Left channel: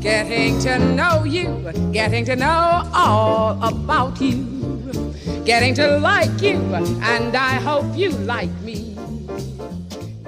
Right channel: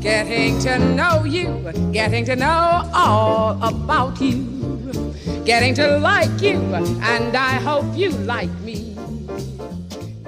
Getting to know you, getting to know all about you, getting to like you, and I hope you like me.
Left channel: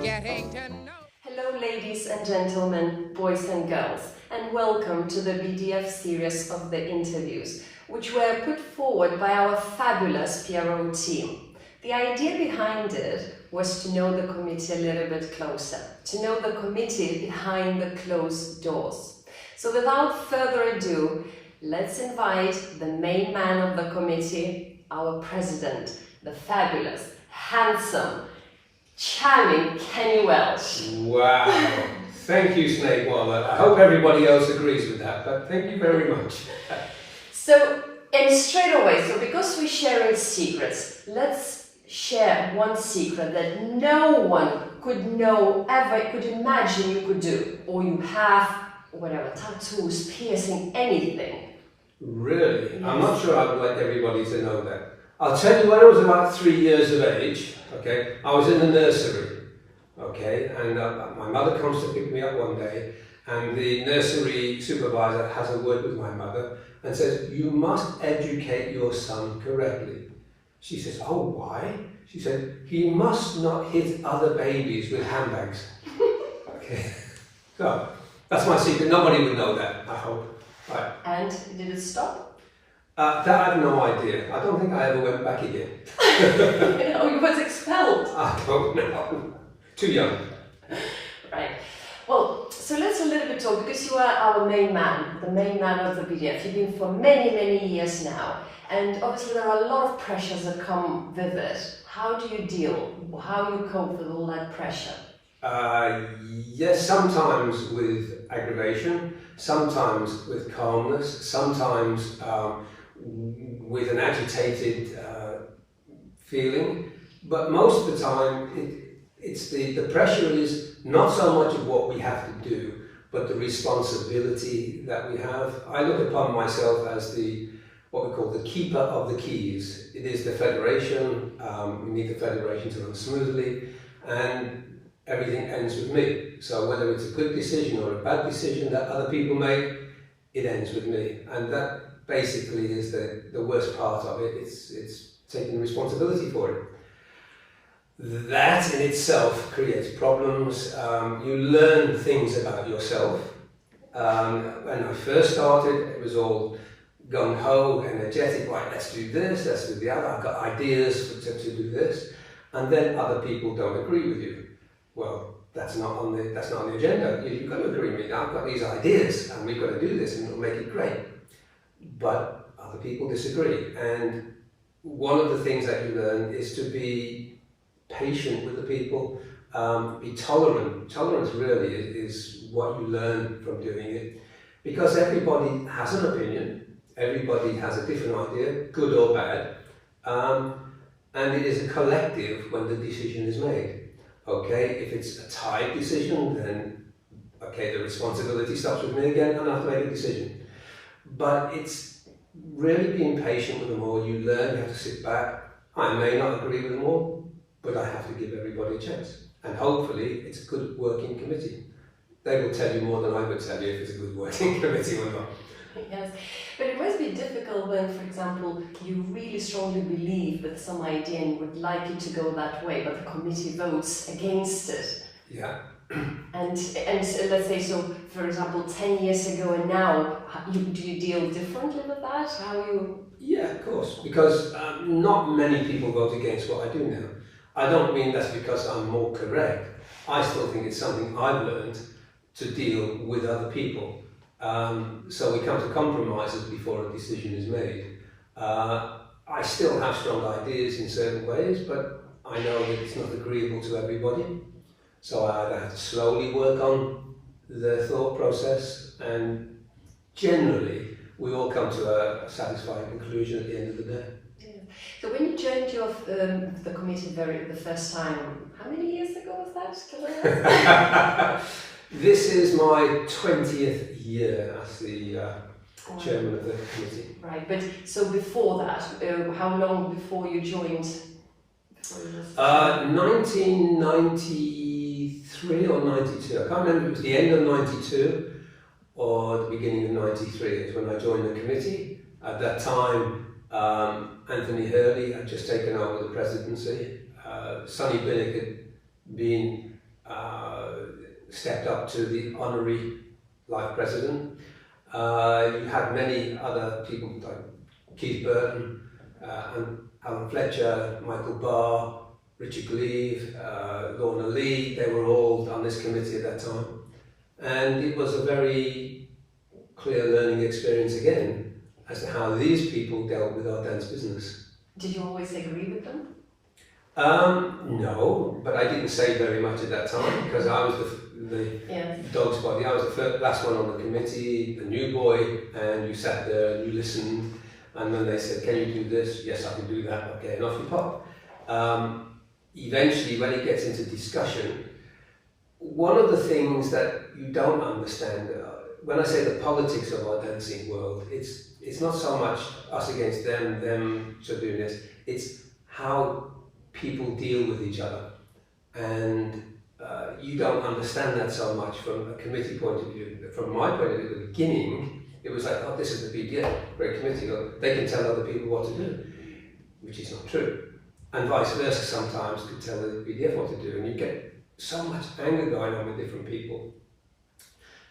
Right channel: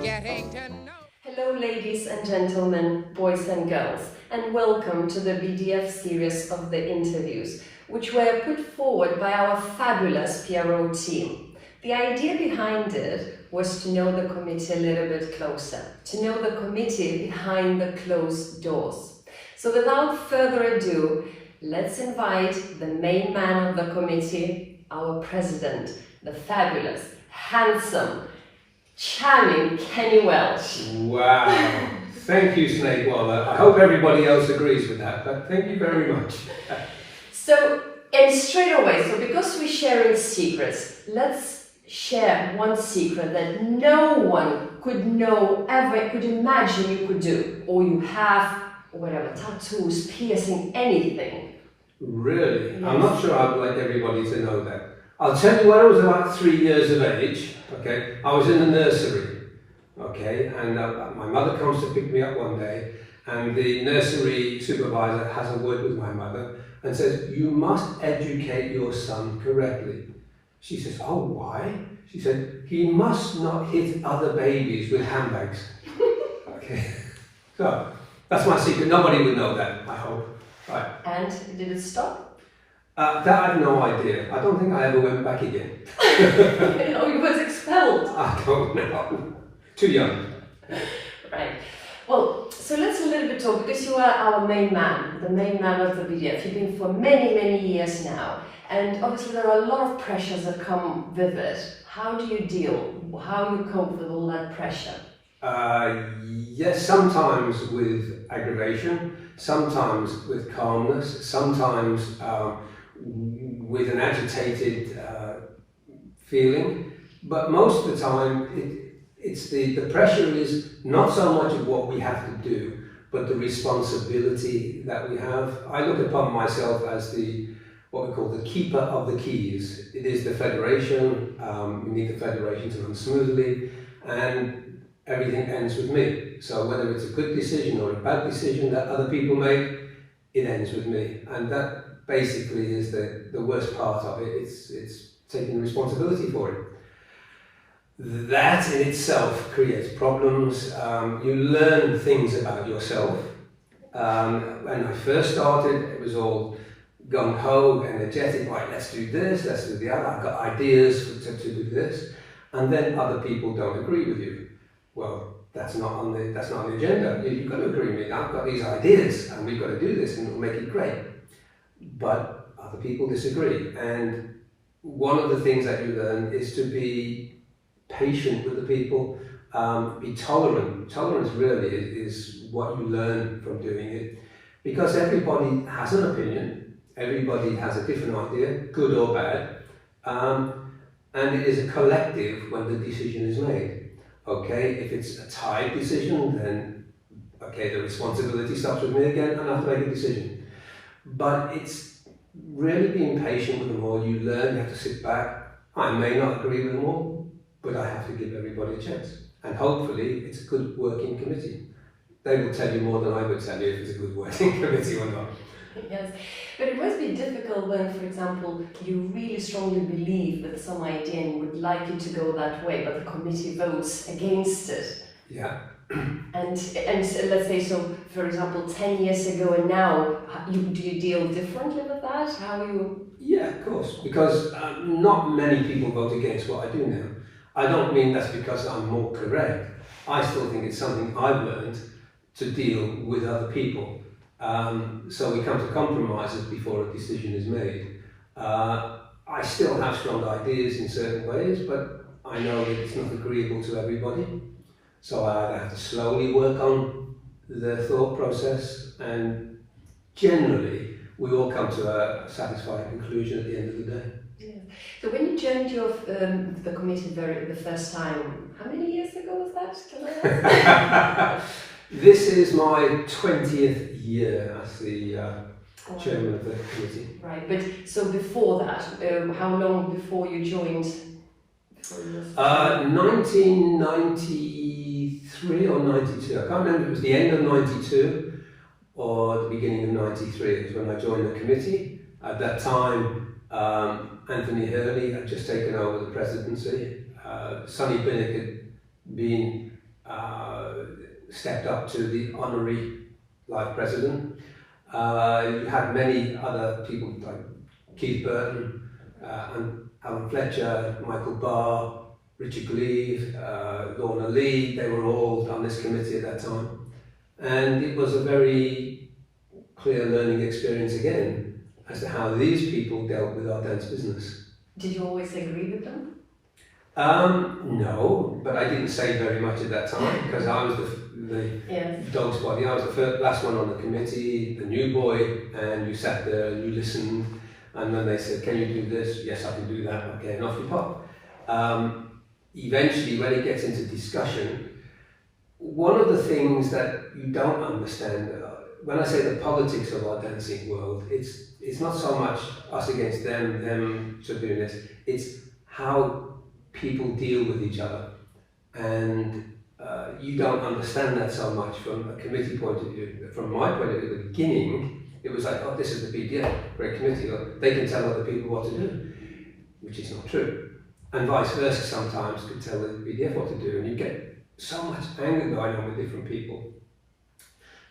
Getting to know. Hello ladies and gentlemen, boys and girls, and welcome to the BDF series of the interviews, which were put forward by our fabulous PRO team. The idea behind it was to know the committee a little bit closer, to know the committee behind the closed doors. So without further ado, let's invite the main man of the committee, our president, the fabulous, handsome, charming Kenny Welsh. Wow, thank you, SNIEGUOLE. I hope everybody else agrees with that, but thank you very much. And straight away, so because we're sharing secrets, let's share one secret that no one could know, ever could imagine you could do, or you have, or whatever, tattoos, piercing, anything. Really? Yes. I'm not sure I'd like everybody to know that. I'll tell you when I was about 3 years of age, okay, I was in the nursery, okay, and my mother comes to pick me up one day, and the nursery supervisor has a word with my mother and says, "You must educate your son correctly." She says, "Oh, why?" She said, "He must not hit other babies with handbags." Okay, so that's my secret. Nobody would know that, I hope. Right. And did it stop? That I have no idea. I don't think I ever went back again. Oh, you was expelled. I don't know. Too young. Right. Well, so let's a little bit talk, because you are our main man, the main man of the BDF. You've been for many, many years now. And obviously there are a lot of pressures that come with it. How do you deal? How do you cope with all that pressure? Yes, sometimes with aggravation, sometimes with calmness, sometimes with an agitated feeling, but most of the time it's the pressure is not so much of what we have to do, but the responsibility that we have. I look upon myself as what we call the keeper of the keys. It is the federation, we need the federation to run smoothly, and everything ends with me. So whether it's a good decision or a bad decision that other people make, it ends with me. And that basically is the worst part of it. It's taking responsibility for it. That in itself creates problems. You learn things about yourself. When I first started, it was all gung-ho, energetic, right, let's do this, let's do the other, I've got ideas to do this. And then other people don't agree with you. Well, that's not on the agenda. You've got to agree with me. I've got these ideas and we've got to do this and it'll make it great. But other people disagree. And one of the things that you learn is to be patient with the people, be tolerant. Tolerance really is what you learn from doing it, because everybody has an opinion, everybody has a different idea, good or bad, and it is a collective when the decision is made. Okay, if it's a tied decision, then okay, the responsibility stops with me again and I have to make a decision. But it's really being patient with them all. You learn, you have to sit back. I may not agree with them all, but I have to give everybody a chance. And hopefully it's a good working committee. They will tell you more than I would tell you if it's a good working committee or not. Yes, but it must be difficult when, for example, you really strongly believe that some idea and would like it to go that way, but the committee votes against it. Yeah. And let's say, so for example, 10 years ago and now, do you deal differently with that? How you? Yeah, of course, because not many people vote against what I do now. I don't mean that's because I'm more correct. I still think it's something I've learned to deal with other people. So we come to compromises before a decision is made. I still have strong ideas in certain ways, but I know that it's not agreeable to everybody. So I either have to slowly work on the thought process, and generally we all come to a satisfying conclusion at the end of the day. Yeah. So when you joined the committee the first time, how many years ago was that? Can I ask? This is my 20th year as the chairman of the committee. Right, but so before that, how long before you joined? 1993 or 92, I can't remember, it was the end of 92. or the beginning of '93 is when I joined the committee. At that time, Anthony Hurley had just taken over the presidency. Sonny Binnick had been stepped up to the honorary life president. You had many other people like Keith Burton, and Alan Fletcher, Michael Barr, Richard Gleave, Lorna Lee. They were all on this committee at that time. And it was a very clear learning experience again as to how these people dealt with our dance business. Did you always agree with them? No, but I didn't say very much at that time because I was the dog's body. I was the last one on the committee, the new boy, and you sat there and you listened. And then they said, "Can you do this?" "Yes, I can do that." "Okay," and off you pop. Eventually, when it gets into discussion, one of the things that you don't understand, when I say the politics of our dancing world, it's not so much us against them sort of doing this, it's how people deal with each other. And you don't understand that so much from a committee point of view. From my point of view, at the beginning, it was like, "Oh, this is the BDF, great committee, they can tell other people what to do," which is not true. And vice versa, sometimes could tell the BDF what to do, and you get so much anger going on with different people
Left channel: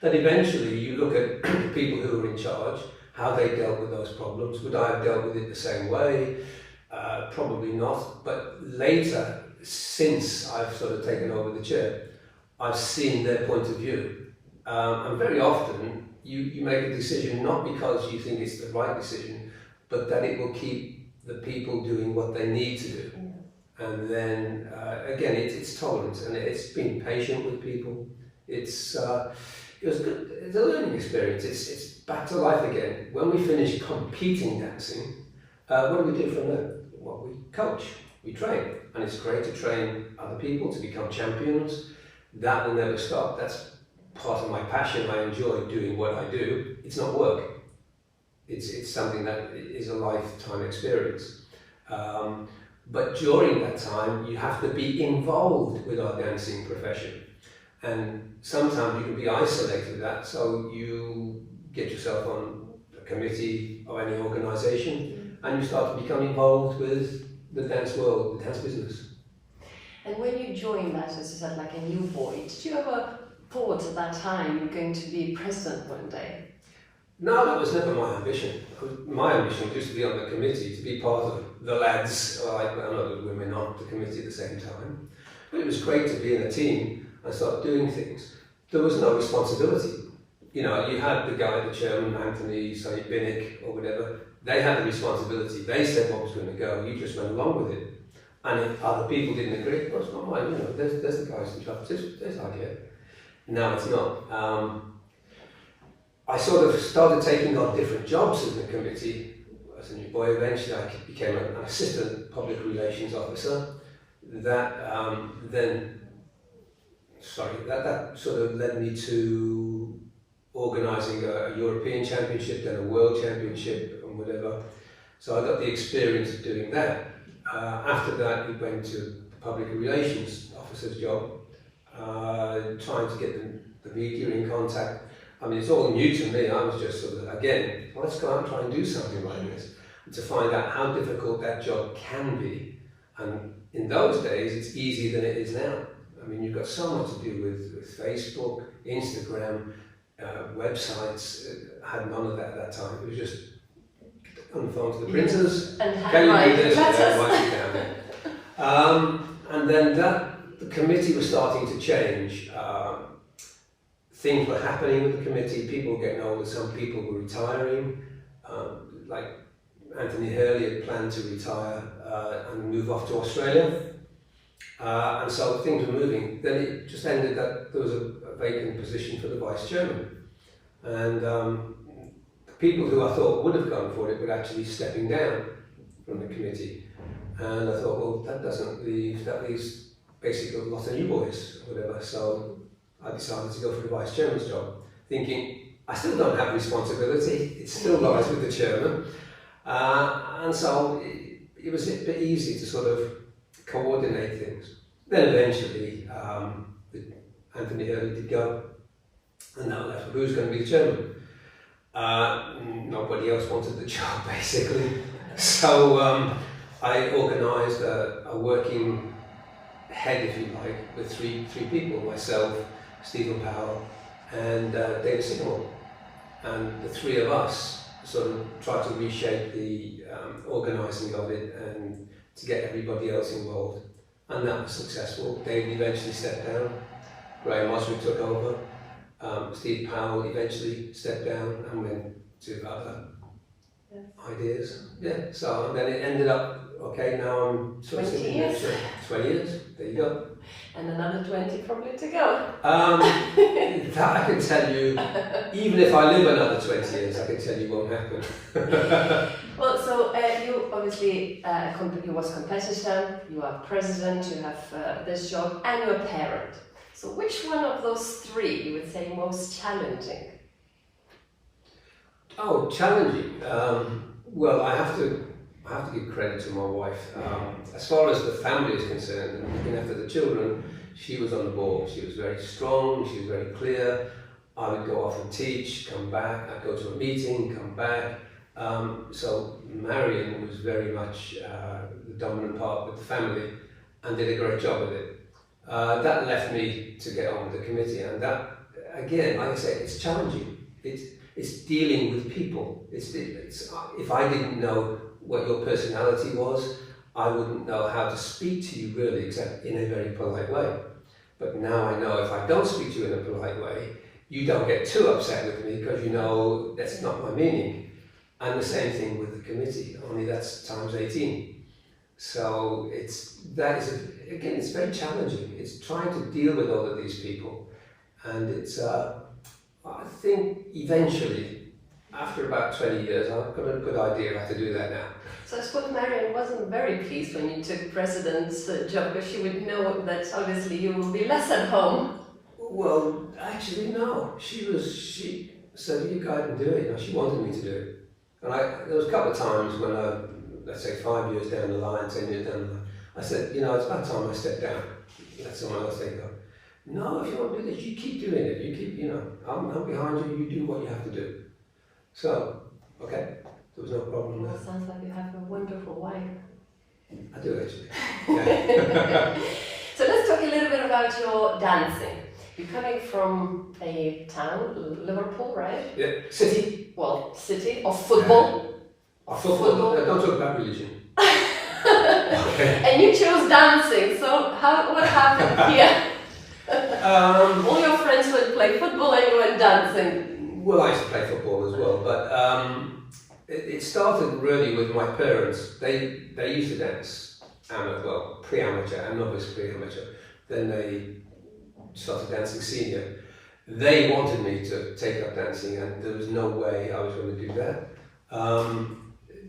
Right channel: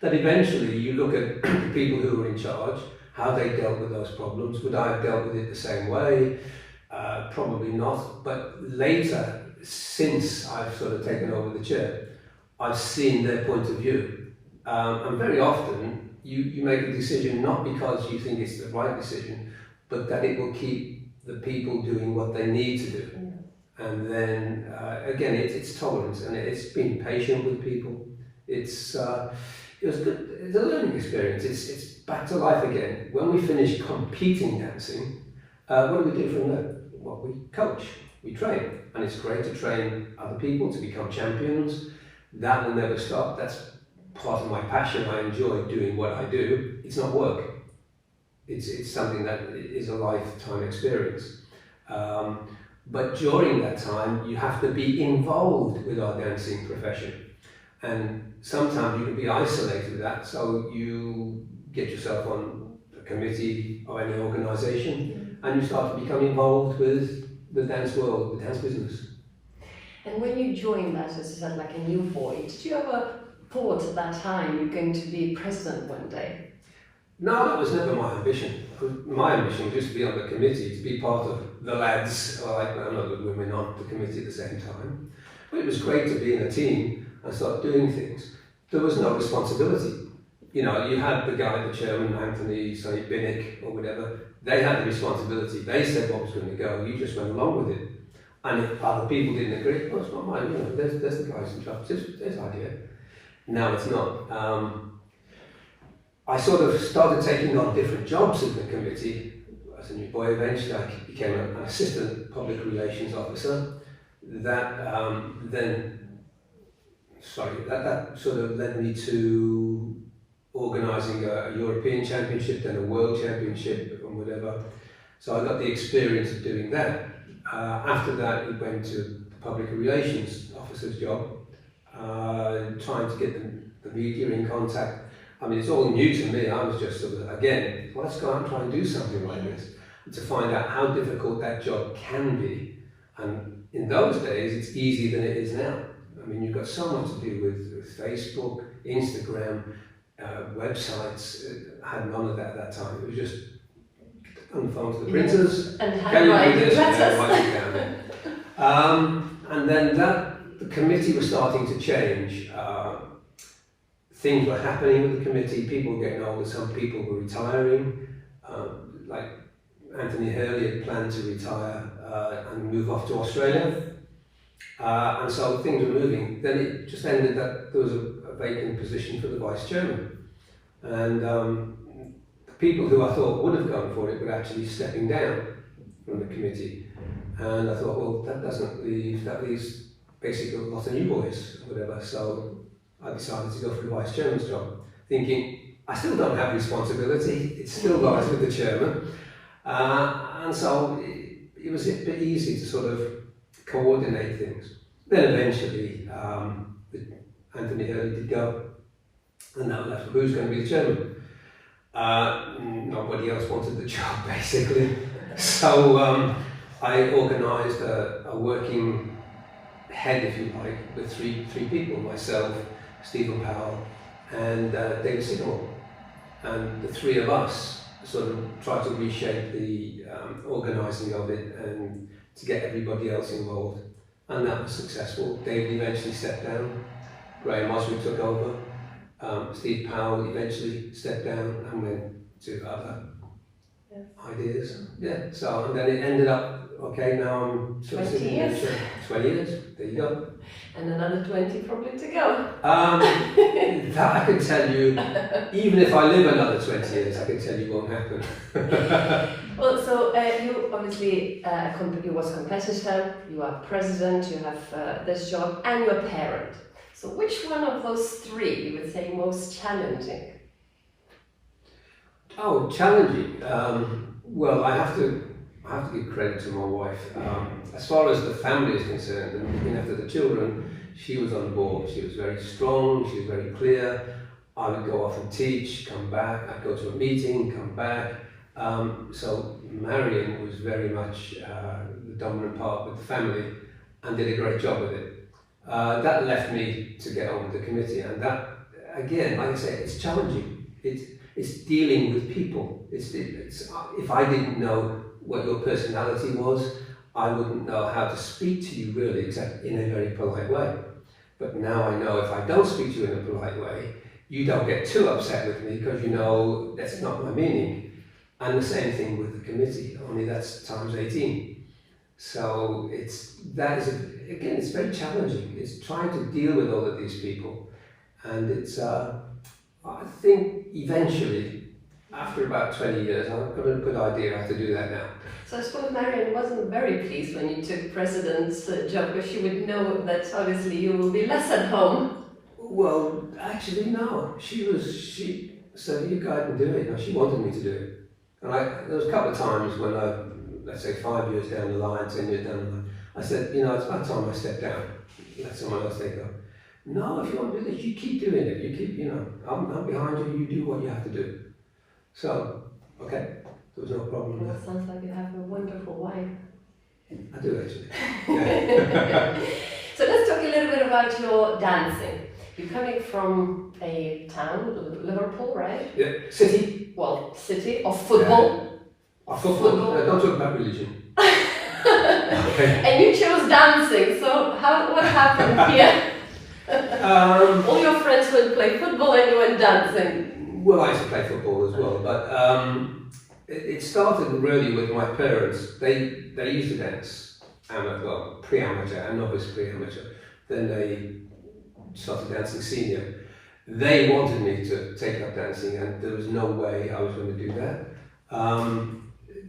that eventually you look at the people who were in charge, how they dealt with those problems. Would I have dealt with it the same way? Probably not. But later, since I've sort of taken over the chair, I've seen their point of view. And very often, you make a decision not because you think it's the right decision, but that it will keep the people doing what they need to do. And then, again, it's tolerance, and it's being patient with people. It was good. It's a learning experience. It's back to life again. When we finish competing dancing, what do we do from there? Well, we coach, we train, and it's great to train other people to become champions. That will never stop. That's part of my passion. I enjoy doing what I do. It's not work. It's something that is a lifetime experience. But during that time, you have to be involved with our dancing profession. And sometimes you can be isolated with that, so you get yourself on a committee or any organisation, and you start to become involved with the dance world, the dance business. And when you joined that, as you said, like a new boy, did you ever thought at that time you're going to be president one day? No, that was never my ambition. My ambition was just to be on the committee, to be part of the lads, like a lot of women on the committee at the same time. But it was great to be in a team and start doing things. There was no responsibility. You know, you had the guy, the chairman, Anthony, Sonny Binnick, or whatever. They had the responsibility. They said what was going to go. You just went along with it. And if other people didn't agree, well, it's not mine. You know, there's the guys in charge. There's the idea. No, it's not. I sort of started taking on different jobs in the committee. As a new boy, eventually I became an assistant public relations officer. That sort of led me to organising a European Championship, then a World Championship, and whatever. So I got the experience of doing that. After that, we went to the public relations officer's job, trying to get the media in contact. I mean, it's all new to me. I was just sort of, again, well, let's go out and try and do something like this. And to find out how difficult that job can be. And in those days, it's easier than it is now. I mean, you've got so much to do with Facebook, Instagram, websites. I had none of that at that time. It was just on the phone to the printers. And can you do this? Yeah, write it down. And then the committee was starting to change. Things were happening with the committee. People were getting older. Some people were retiring. Like Anthony Hurley had planned to retire and move off to Australia. And so things were moving. Then it just ended that there was a vacant position for the vice chairman. And the people who I thought would have gone for it were actually stepping down from the committee. And I thought, well, that leaves basically a lot of new boys, or whatever. So I decided to go for the vice chairman's job, thinking I still don't have responsibility. It still lies with the chairman. And so it was a bit easy to sort of coordinate things. Then eventually, Anthony Hurley did go, And that left who's going to be the chairman. Nobody else wanted the job, basically. So I organised a working head, if you like, with three people: myself, Stephen Powell, and David Signal. And the three of us sort of tried to reshape the organising of it and to get everybody else involved. And that was successful. David eventually stepped down. Graham Oswald took over. Steve Powell eventually stepped down and went to other ideas. Yeah, so and then it ended up, okay, now I'm 20 years. 20 years, there you go. And another 20 probably to go. That I can tell you, even if I live another 20 years, I can tell you won't happen. Well, so you obviously, you was competitor, you are president, you have this job, and you're a parent. So which one of those three you would say most challenging? Oh, challenging. Well, I have to give credit to my wife. As far as the family is concerned, and looking after the children, she was on the ball. She was very strong, she was very clear. I would go off and teach, come back, I'd go to a meeting, come back. So Marion was very much the dominant part with the family and did a great job with it. That left me to get on with the committee, and that, again, like I say, it's challenging. It's dealing with people. It's if I didn't know what your personality was, I wouldn't know how to speak to you really, except in a very polite way. But now I know if I don't speak to you in a polite way, you don't get too upset with me because you know that's not my meaning. And the same thing with the committee, only that's times 18. So it's very challenging. It's trying to deal with all of these people. And it's, I think eventually, after about 20 years, I've got a good idea how to do that now. So I suppose Marion wasn't very pleased when you took president's job, because she would know that obviously you will be less at home. Well, actually no. She said, you go ahead and do it. You know, she wanted me to do it. And there was a couple of times when let's say 5 years down the line, 10 years down the line, I said, you know, it's about time I step down. Let someone else take over. No, if you want to do this, you keep doing it. You keep, you know, I'm behind you, you do what you have to do. So, okay, there was no problem there. Well, sounds like you have a wonderful wife. I do actually. Yeah. So let's talk a little bit about your dancing. You're coming from a town, Liverpool, right? Yeah, city. Well, city of football. Football. Don't talk about religion. Okay. And you chose dancing, so what happened here? All your friends would play football and you went dancing. Well, I used to play football as well, but it started really with my parents. They used to dance, pre-amateur and novice pre-amateur. Then they started dancing senior. They wanted me to take up dancing, and there was no way I was going to do that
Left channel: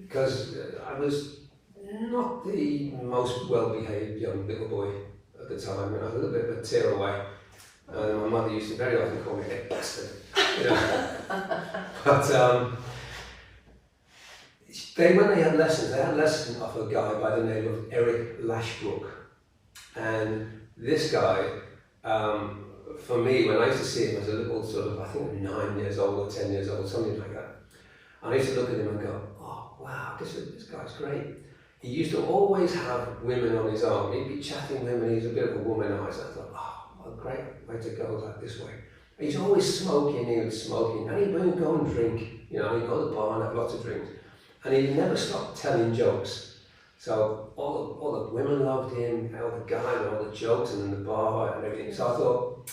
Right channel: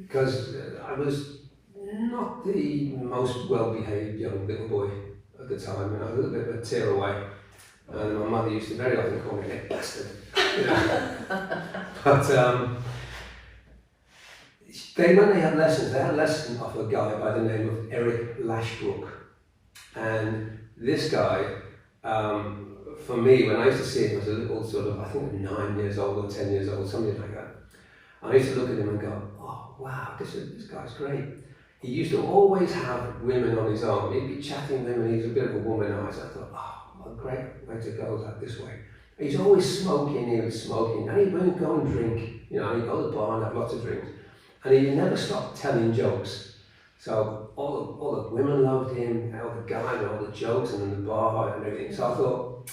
because I was not the most well-behaved young little boy at the time. You know, a little bit of a tearaway. My mother used to very often call me a bastard. You know. But when they had lessons, they had lessons of a guy by the name of Eric Lashbrook, and this guy. For me, when I used to see him as a little sort of, I think 9 years old or 10 years old, something like that, I used to look at him and go, oh wow, this guy's great. He used to always have women on his arm. He'd be chatting with them and he's a bit of a womanizer. I thought, oh, great way to go like this way. He's always smoking, he was smoking, and he would go and drink. You know, he'd go to the bar and have lots of drinks. And he never stopped telling jokes. So all the women loved him, all the guys, all the jokes, and in the bar and everything. So I thought,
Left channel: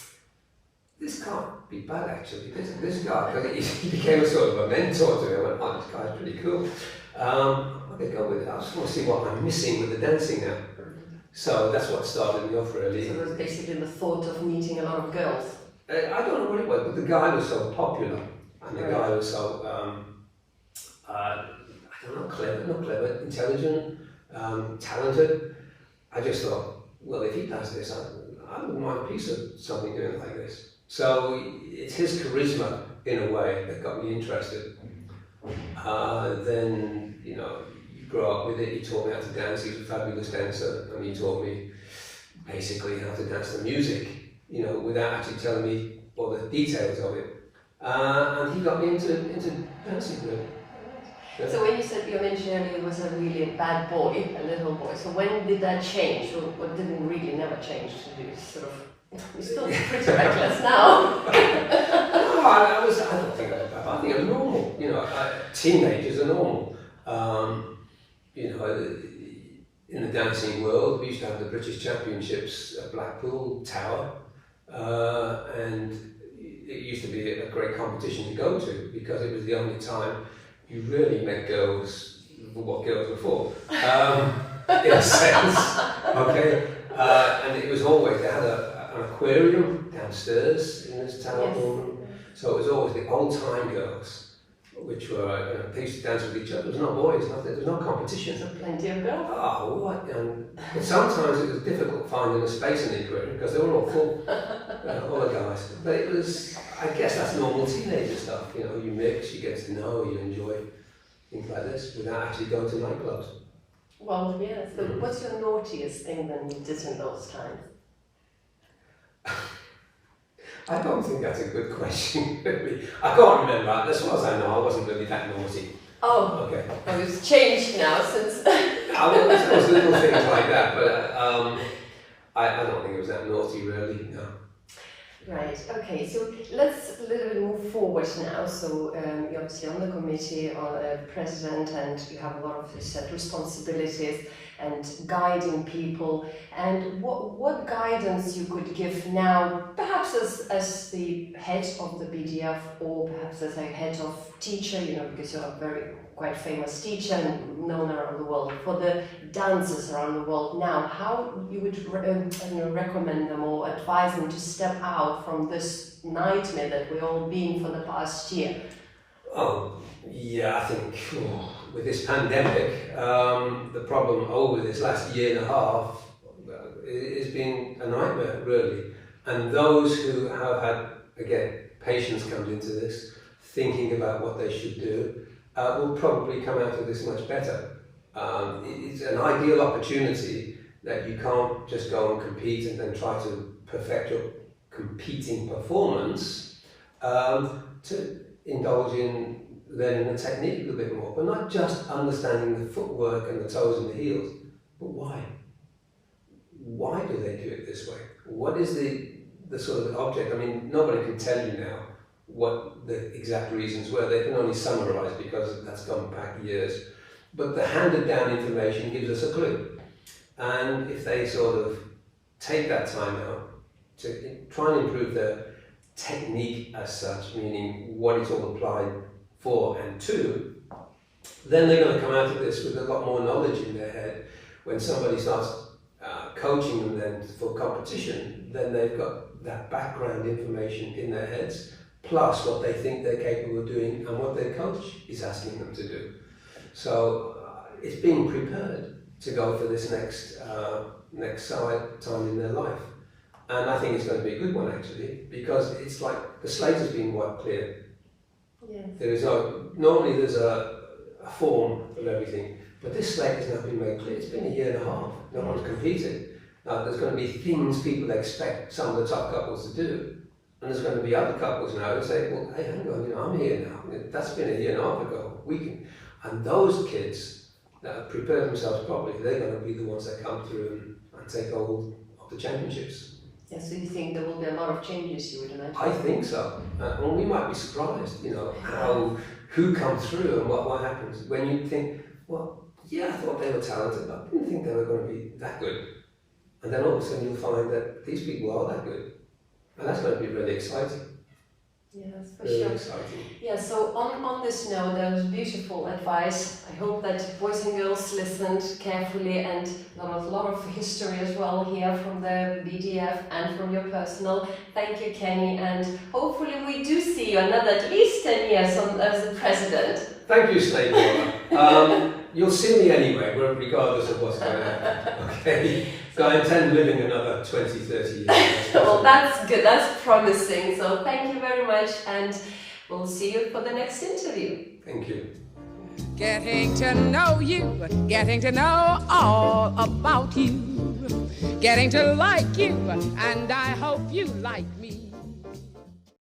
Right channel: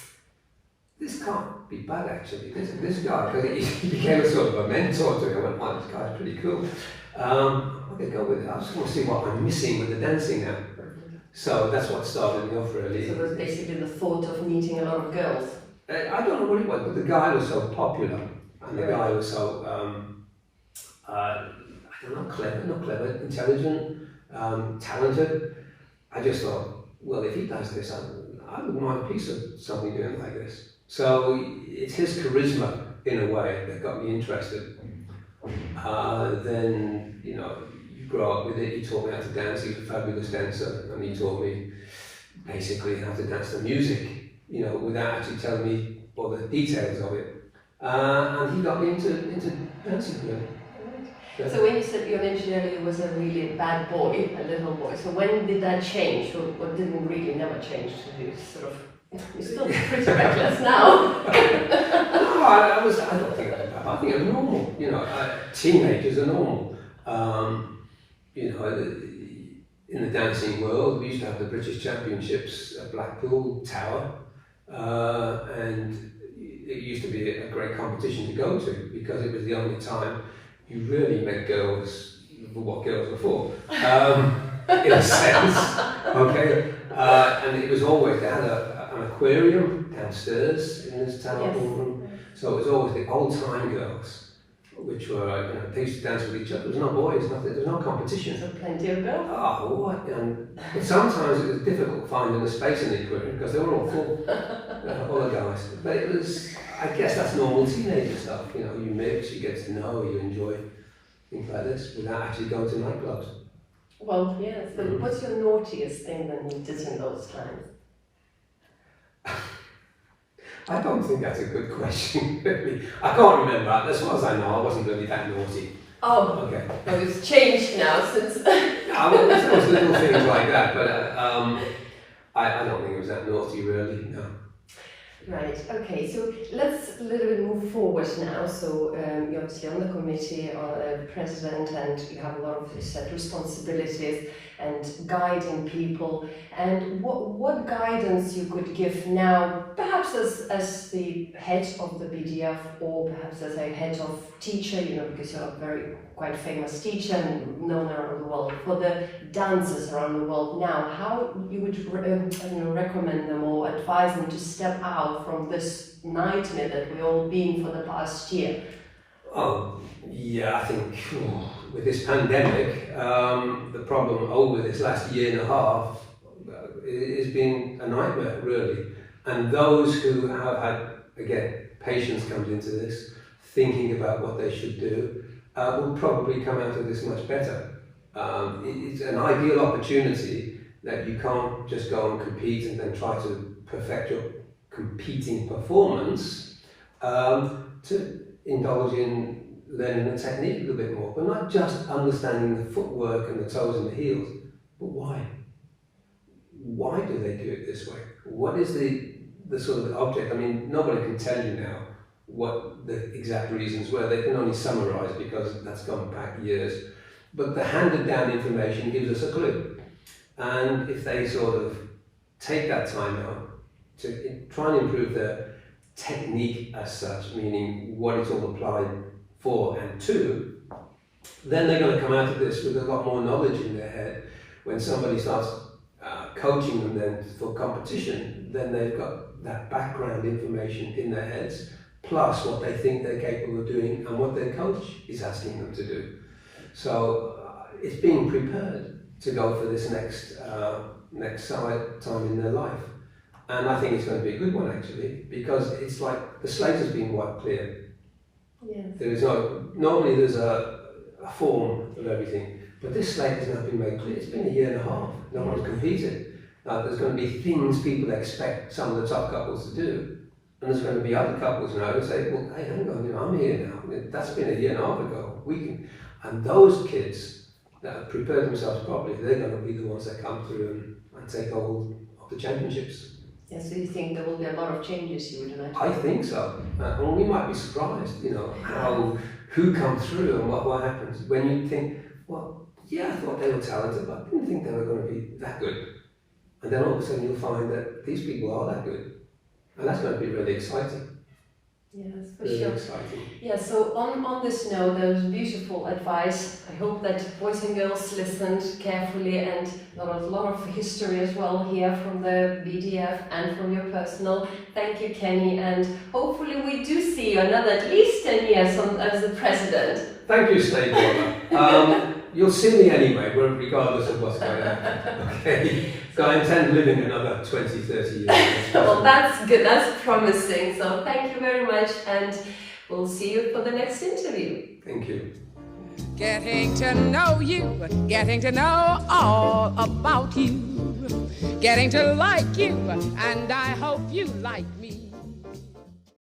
this can't be bad actually. This guy, because he became a sort of a mentor to me. I went, oh, this guy's pretty cool. I'm going to go with it. I just want to see what I'm missing with the dancing now. So that's what started me off really. So it was basically the thought of meeting a lot of girls. I don't know what it was, but the guy was so popular, and the guy was so, I don't know, clever, intelligent, talented. I just thought, well, if he does this, I wouldn't mind a piece of something doing like this. So it's his charisma, in a way, that got me interested. Then, you know, you grow up with it. He taught me how to dance. He was a fabulous dancer, and he taught me basically how to dance the music, you know, without actually telling me all the details of it. And he got me into dancing, really. Yeah. So when you mentioned earlier was a really bad boy, a little boy. So when did that change, or didn't really never change? You're still pretty reckless now. No, I don't think it was bad. I think it was normal. You know, teenagers are normal. You know, in the dancing world, we used to have the British Championships at Blackpool Tower, and it used to be a great competition to go to because it was the only time you really met girls for what girls were for, in a sense, okay? And it was always, they had an aquarium downstairs in this tower ballroom, so it was always the old-time girls, which were, you know, they used to dance with each other. There was no boys, nothing, there was no competition. So plenty of girls. Oh, what? But sometimes it was difficult finding a space in the aquarium because they were all full, all the guys. But it was, I guess that's normal teenager stuff. You know, you mix, you get to know, you enjoy things like this without actually going to nightclubs. Well, yeah. So what's your naughtiest thing that you did in those times? I don't think that's a good question, really. I can't remember. As far as I know, I wasn't really that naughty. Oh, okay. Well, it's changed now since. No, there was little things like that, but I don't think it was that naughty, really. No. Right. Okay. So let's a little bit move forward now. So you're obviously on the committee, or president, and you have a lot of set responsibilities and guiding people. And what guidance you could give now, perhaps as the head of the BDF, or perhaps as a head of teacher, you know, because you're a very quite famous teacher and known around the world, for the dancers around the world now, how you would recommend them or advise them to step out from this nightmare that we've all been for the past year? Oh, yeah, I think with this pandemic, the problem over this last year and a half has been a nightmare, really. And those who have had, again, patience comes into this, thinking about what they should do, will probably come out of this much better. It's an ideal opportunity that you can't just go and compete and then try to perfect your competing performance, to indulge in learning the technique a little bit more, but not just understanding the footwork and the toes and the heels, but why? Why do they do it this way? What is the sort of object? I mean, nobody can tell you now what the exact reasons were. They can only summarize because that's gone back years. But the handed down information gives us a clue. And if they sort of take that time out to try and improve their technique as such, meaning what it's all applied for and to, then they're going to come out of this with a lot more knowledge in their head. When somebody starts coaching them then for competition, then they've got that background information in their heads, plus what they think they're capable of doing and what their coach is asking them to do. So it's being prepared to go for this next time in their life. And I think it's going to be a good one, actually, because it's like the slate has been wiped clear. Yes. There is normally there's a form of everything, but this slate has not been made clear. It's been a year and a half. No one's competed. Now there's going to be things people expect some of the top couples to do, and there's going to be other couples now who say, well, hey, hang on, I'm here now. That's been a year and a half ago. And those kids that have prepared themselves properly, they're going to be the ones that come through and take hold of the championships. Yeah, so you think there will be a lot of changes, you would imagine? I think so. And we might be surprised, who comes through and what happens. When you think, well, yeah, I thought they were talented, but I didn't think they were going to be that good. And then all of a sudden you'll find that these people are that good. And that's going to be really exciting. Yes, for really sure. Exciting. Yeah, so on this note, there was beautiful advice. I hope that boys and girls listened carefully, and a lot of history as well here from the BDF and from your personal. Thank you, Kenny, and hopefully we do see you another at least 10 years as the president. Thank you, SNIEGUOLE. You'll see me anyway, regardless of what's going on. Okay? So I intend living another 20, 30 years. Well, that's good, that's promising. So thank you very much, and we'll see you for the next interview. Thank you. Getting to know you, getting to know all about you, getting to like you, and I hope you like me.